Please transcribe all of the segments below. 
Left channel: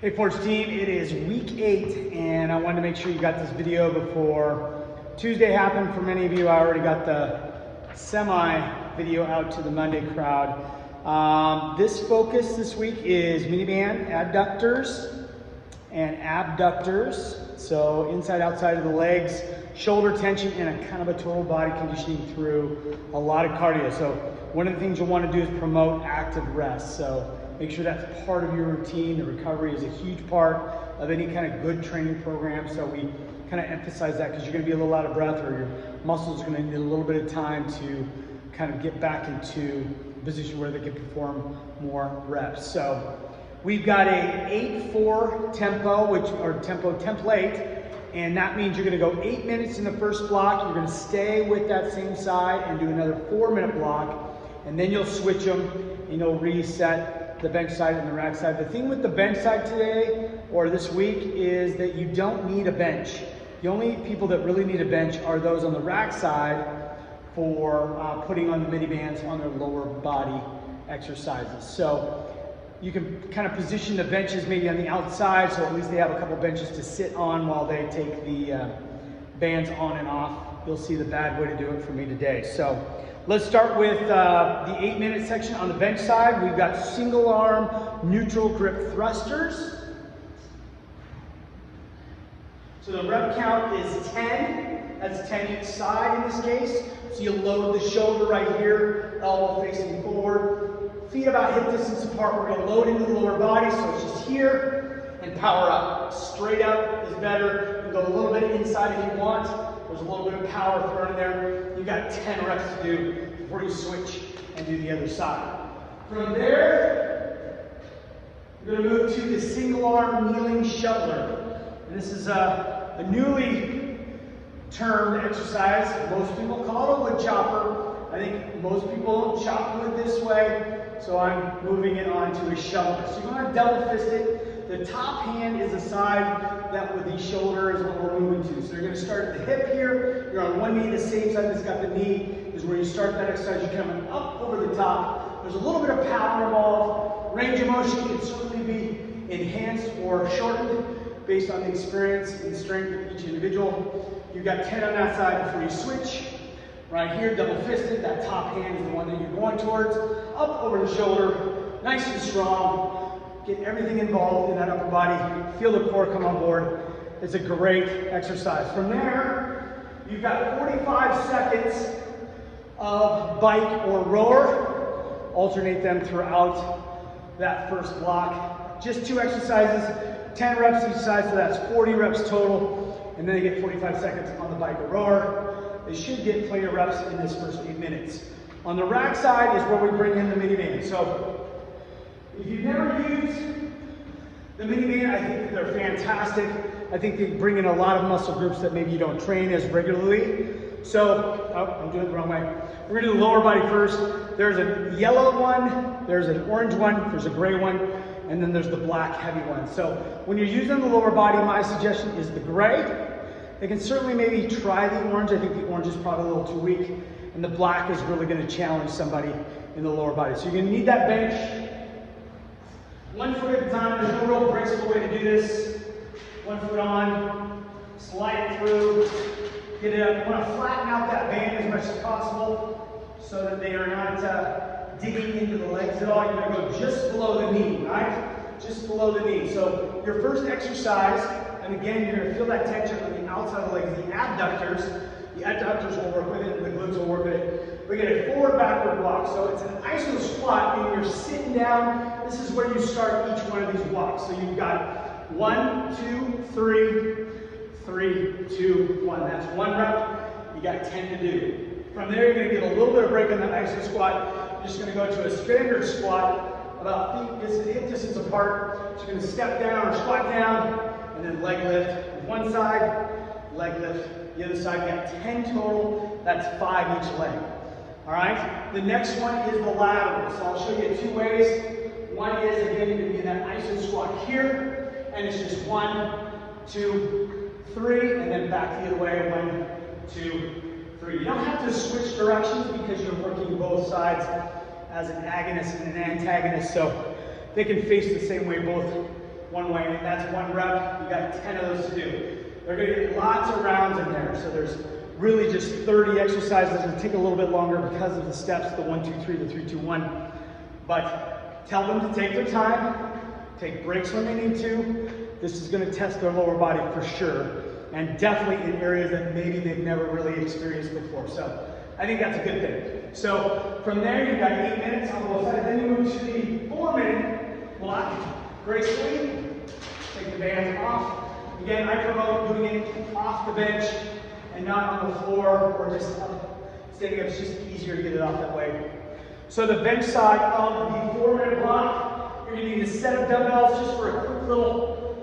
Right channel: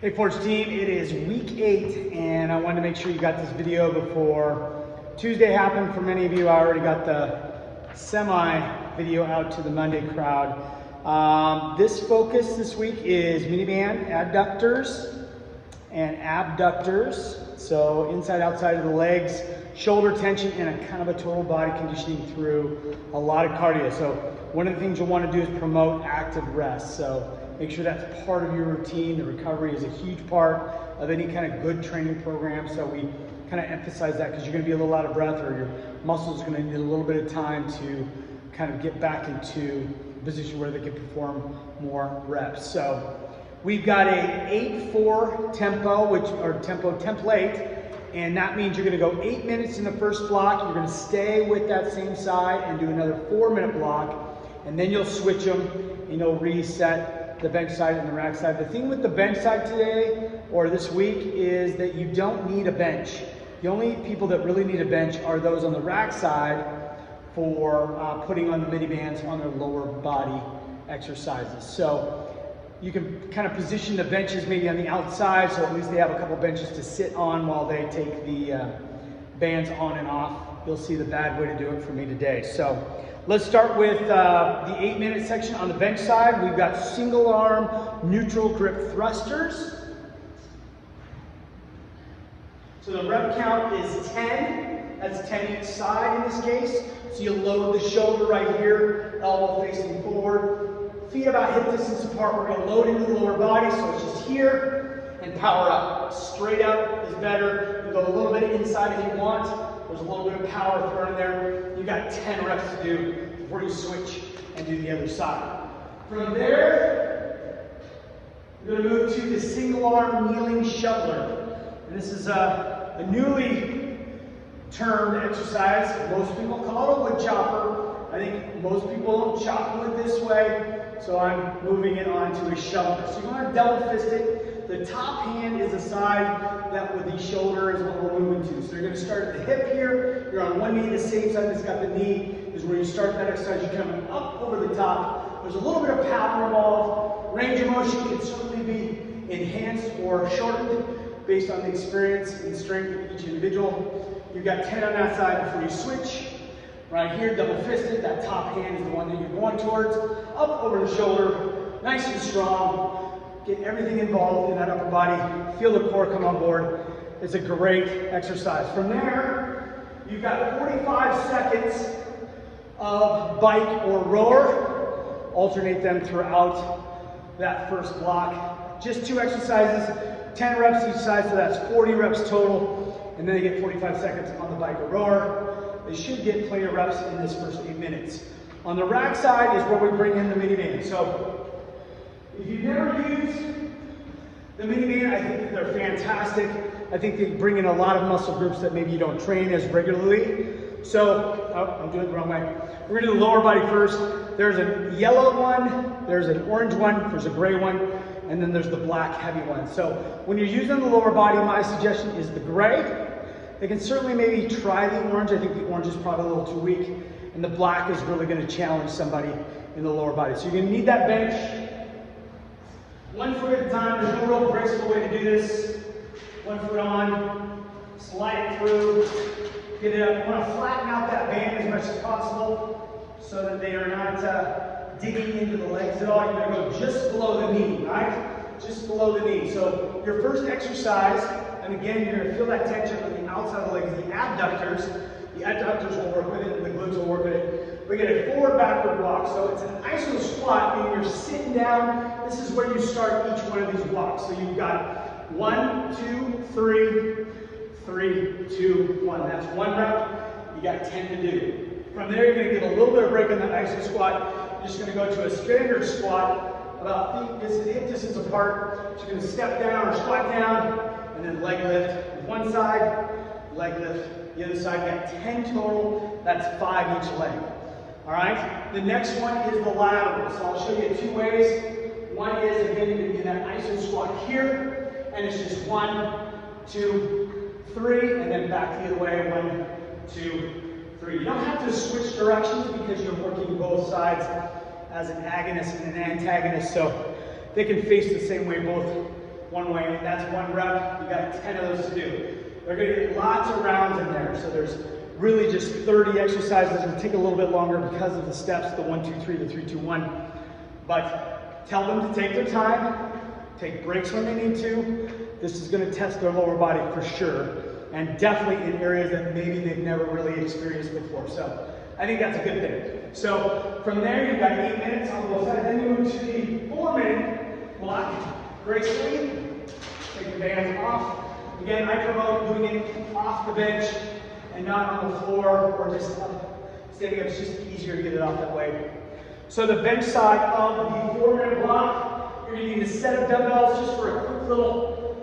Hey Forge team, it is week 8 and I wanted to make sure you got this video before Tuesday happened. For many of you, I already got the semi video out to the Monday crowd. This focus this week is miniband adductors and abductors. So inside, outside of the legs, shoulder tension, and a kind of a total body conditioning through a lot of cardio. So one of the things you'll want to do is promote active rest. So make sure that's part of your routine. The recovery is a huge part of any kind of good training program. So we kind of emphasize that because you're going to be a little out of breath, or your muscles are going to need a little bit of time to kind of get back into a position where they can perform more reps. So we've got a 8-4 tempo, tempo template, and that means you're going to go 8 minutes in the first block. You're going to stay with that same side and do another 4-minute block, and then you'll switch them and you'll reset the bench side and the rack side. The thing with the bench side today or this week is that you don't need a bench. The only people that really need a bench are those on the rack side for putting on the mini bands on their lower body exercises. So you can kind of position the benches maybe on the outside, so at least they have a couple benches to sit on while they take the bands on and off. You'll see the bad way to do it for me today. So let's start with the 8-minute section. On the bench side, we've got single arm neutral grip thrusters. So the rep count is 10. That's 10 each side in this case. So you load the shoulder right here, elbow facing forward. Feet about hip distance apart. We're going to load into the lower body, so it's just here and power up. Straight up is better. You can go a little bit inside if you want. There's a little bit of power thrown in there. You've got 10 reps to do before you switch and do the other side. From there, we're going to move to the single arm kneeling shoulder. And this is a newly termed exercise. Most people call it a wood chopper. I think most people don't chop wood this way, so I'm moving it onto a shoulder. So you're going to double fist it. The top hand is the side that with the shoulder is what we're moving to. So you're going to start at the hip here. You're on one knee, the same side that's got the knee is where you start that exercise. You're coming up over the top. There's a little bit of power involved. Range of motion can certainly be enhanced or shortened based on the experience and strength of each individual. You've got 10 on that side before you switch. Right here, double fisted, that top hand is the one that you're going towards. Up over the shoulder, nice and strong. Get everything involved in that upper body. Feel the core come on board. It's a great exercise. From there, you've got 45 seconds of bike or rower. Alternate them throughout that first block. Just 2 exercises, 10 reps each side, so that's 40 reps total. And then they get 45 seconds on the bike or rower. They should get plenty of reps in this first 8 minutes. On the rack side is where we bring in the mini band. So if you've never used the mini band, I think they're fantastic. I think they bring in a lot of muscle groups that maybe you don't train as regularly. So, I'm doing it the wrong way. We're gonna do the lower body first. There's a yellow one, there's an orange one, there's a gray one, and then there's the black heavy one. So when you're using the lower body, my suggestion is the gray. They can certainly maybe try the orange. I think the orange is probably a little too weak. And the black is really going to challenge somebody in the lower body. So you're going to need that bench. 1 foot at a time. There's no real graceful way to do this. 1 foot on, slide it through, get it up. You want to flatten out that band as much as possible so that they are not digging into the legs at all. You're going to go just below the knee, right? Just below the knee. So your first exercise, and again, you're going to feel that tension on the outside of the legs, the abductors. The adductors will work with it, and the glutes will work with it. We get a forward backward walk. So it's an iso squat, and you're sitting down. This is where you start each one of these walks. So you've got 1, 2, 3, 3, 2, 1. That's 1 rep. You got 10 to do. From there, you're going to get a little bit of break in that iso squat. You're just going to go to a standard squat, about hip distance apart. So you're going to step down or squat down, and then leg lift. One side, leg lift. The other side, you got 10 total. That's 5 each leg. All right? The next one is the lateral. So I'll show you 2 ways. One is, again, you're going to do that iso squat here, and it's just 1, 2, 3, and then back the other way. 1, 2, 3. You don't have to switch directions because you're working both sides as an agonist and an antagonist. So they can face the same way, both one way, and that's 1 rep. You got 10 of those to do. They're gonna get lots of rounds in there, so there's really just 30 exercises. It'll take a little bit longer because of the steps, the 1, 2, 3, the 3, 2, 1. But tell them to take their time, take breaks when they need to. This is gonna test their lower body for sure, and definitely in areas that maybe they've never really experienced before. So I think that's a good thing. So from there, you've got 8 minutes on both sides. Then you move to the 4-minute block. Gracefully, take the bands off. Again, I promote doing it off the bench and not on the floor or just standing up. It's just easier to get it off that way. So the bench side of the 4-minute block, you're going to need a set of dumbbells just for a quick little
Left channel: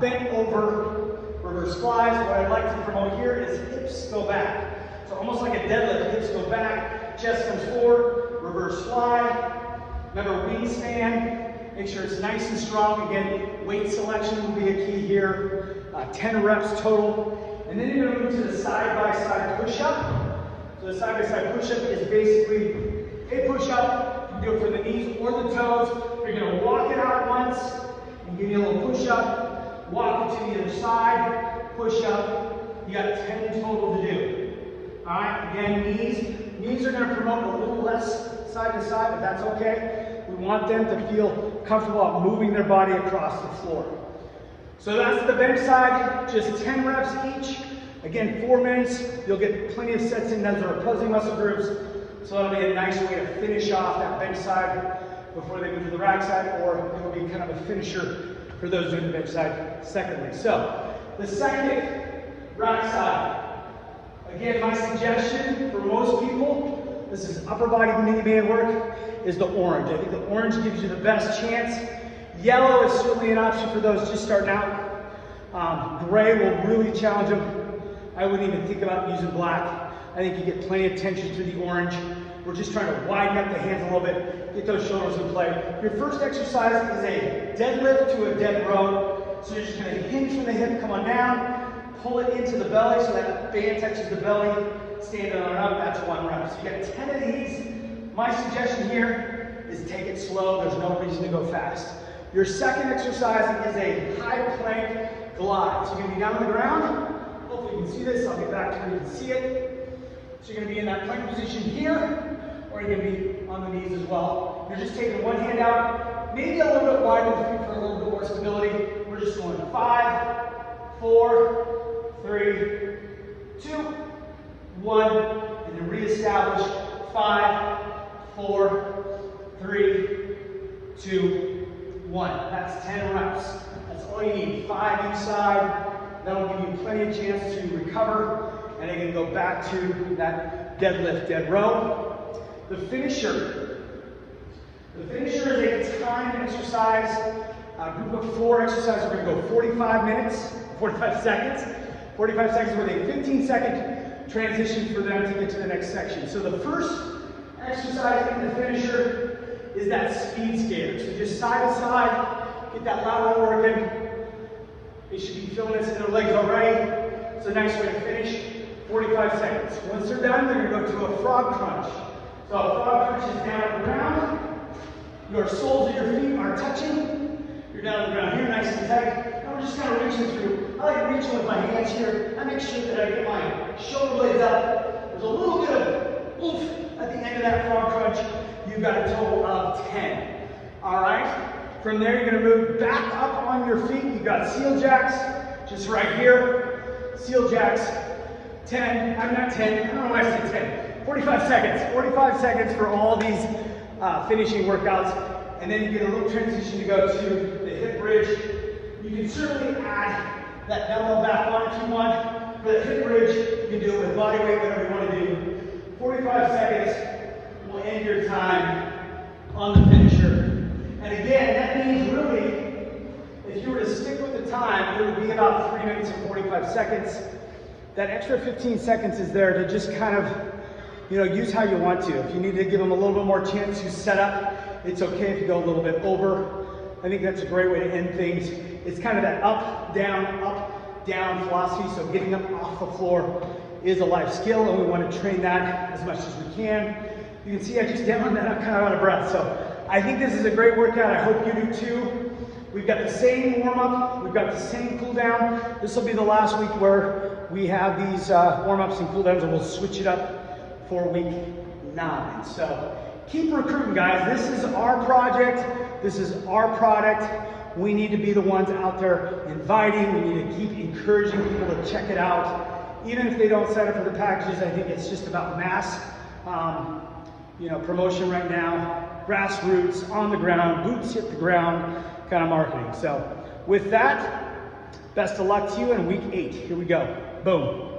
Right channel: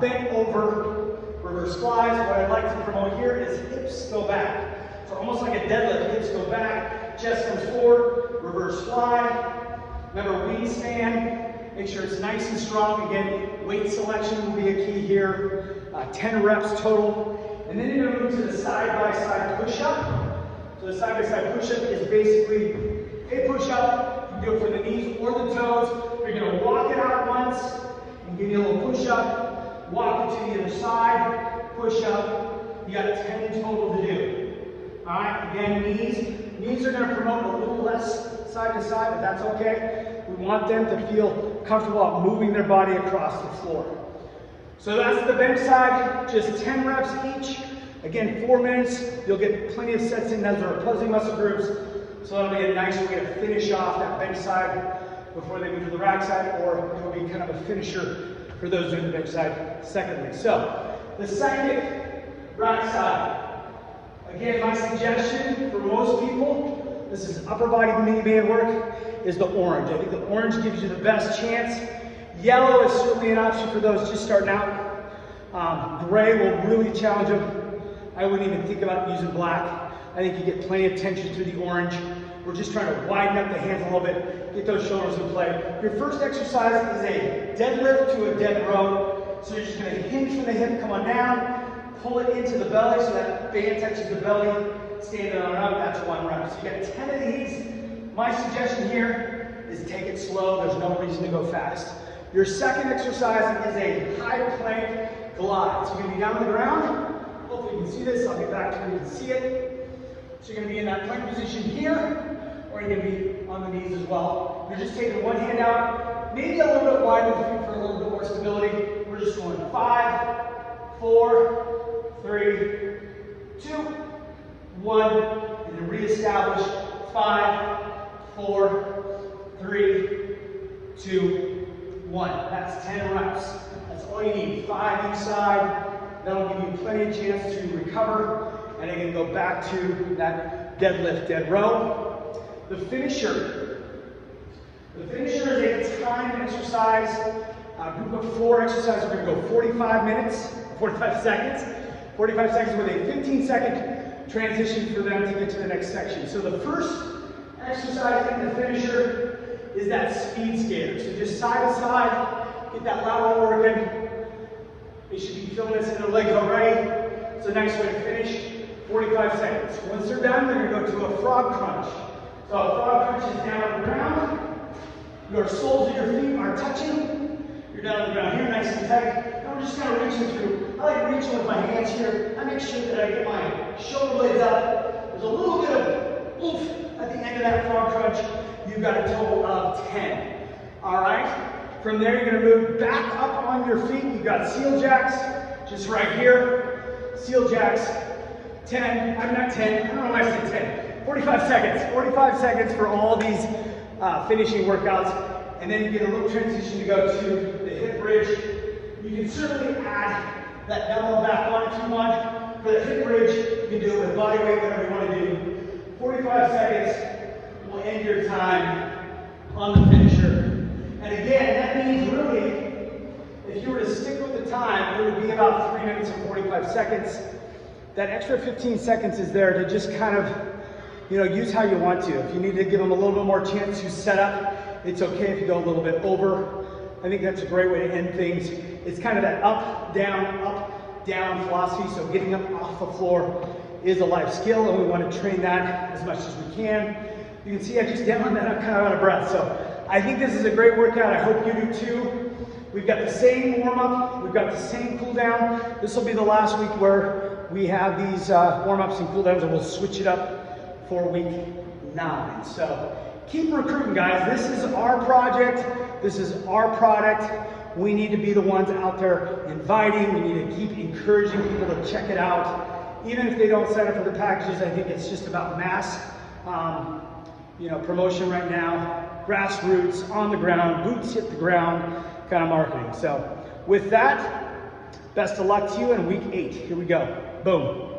bent over reverse flies. What I'd like to promote here is hips go back. So almost like a deadlift, hips go back, chest comes forward, reverse fly. Remember, wingspan. Make sure it's nice and strong. Again, weight selection would be a key here. 10 reps total. And then you're going to move to the side-by-side push-up. So the side-by-side push-up is basically a push-up. You can do it for the knees or the toes. You're going to walk it out once and give you a little push-up. Walk it to the other side, push-up. You got 10 total to do. All right, again, knees. Knees are going to promote a little less side to side, but that's okay. We want them to feel comfortable at moving their body across the floor. So that's the bench side, just 10 reps each. Again, 4 minutes. You'll get plenty of sets in. Those are opposing muscle groups. So that'll be a nice way to finish off that bench side before they move to the rack side, or it'll be kind of a finisher for those doing the bench side secondly. So the second rack side. Again, my suggestion for most people, this is upper body mini band work, is the orange. I think the orange gives you the best chance. Yellow is certainly an option for those just starting out. Gray will really challenge them. I wouldn't even think about using black. I think you get plenty of tension through the orange. We're just trying to widen up the hands a little bit, get those shoulders in play. Your first exercise is a deadlift to a dead row. So you're just gonna hinge from the hip, come on down, pull it into the belly so that band touches the belly, stand on up, that's 1 rep. So you got 10 of these. My suggestion here is take it slow, there's no reason to go fast. Your second exercise is a high plank glide. So you're gonna be down on the ground. Hopefully you can see this, I'll get back to where you can see it. So you're gonna be in that plank position here, or you're gonna be on the knees as well. You're just taking one hand out, maybe a little bit wider with feet for a little bit more stability. We're just going 5, 4, 3, 2, 1, and then reestablish 5, 4, 3, 2, 1. That's 10 reps. That's all you need. 5 each side. That'll give you plenty of chance to recover. And again, go back to that deadlift, dead row. The finisher. The finisher is a timed exercise. Group of 4 exercises. We're going to go 45 minutes, 45 seconds. 45 seconds with a 15-second transition for them to get to the next section. So the first exercise in the finisher is that speed skater. So just side to side, get that lateral working. They should be feeling this in their legs already. It's a nice way to finish. 45 seconds. Once they're done, we're going to go to a frog crunch. So a frog crunch is down on the ground. Your soles of your feet are touching. You're down on the ground here, nice and tight. I'm just kind of reaching through. I like reaching with my hands here. I make sure that I get my shoulder blades up. There's a little bit of oomph at the end of that frog crunch. You've got a total of 10. All right. From there, you're going to move back up on your feet. You've got seal jacks, just right here. Seal jacks, 10. I'm not 10. I don't know why I said 10. 45 seconds. 45 seconds for all these finishing workouts. And then you get a little transition to go to the hip bridge. You can certainly add that dumbbell back on if you want. For the hip bridge, you can do it with body weight, whatever you want to do. 45 seconds will end your time on the finisher. And again, that means really, if you were to stick with the time, it would be about 3 minutes and 45 seconds. That extra 15 seconds is there to just kind of, use how you want to. If you need to give them a little bit more chance to set up, it's okay if you go a little bit over. I think that's a great way to end things. It's kind of that up, down philosophy. So getting up off the floor is a life skill, and we want to train that as much as we can. You can see I just demoed that. I'm kind of out of breath. So I think this is a great workout. I hope you do too. We've got the same warm-up, we've got the same cool-down. This will be the last week where we have these warm-ups and cool-downs, and we'll switch it up for week 9. So keep recruiting, guys. This is our project. This is our product. We need to be the ones out there inviting. We need to keep encouraging people to check it out. Even if they don't sign up for the packages, I think it's just about mass promotion right now. Grassroots, on the ground, boots hit the ground kind of marketing. So with that, best of luck to you in week 8. Here we go. Boom.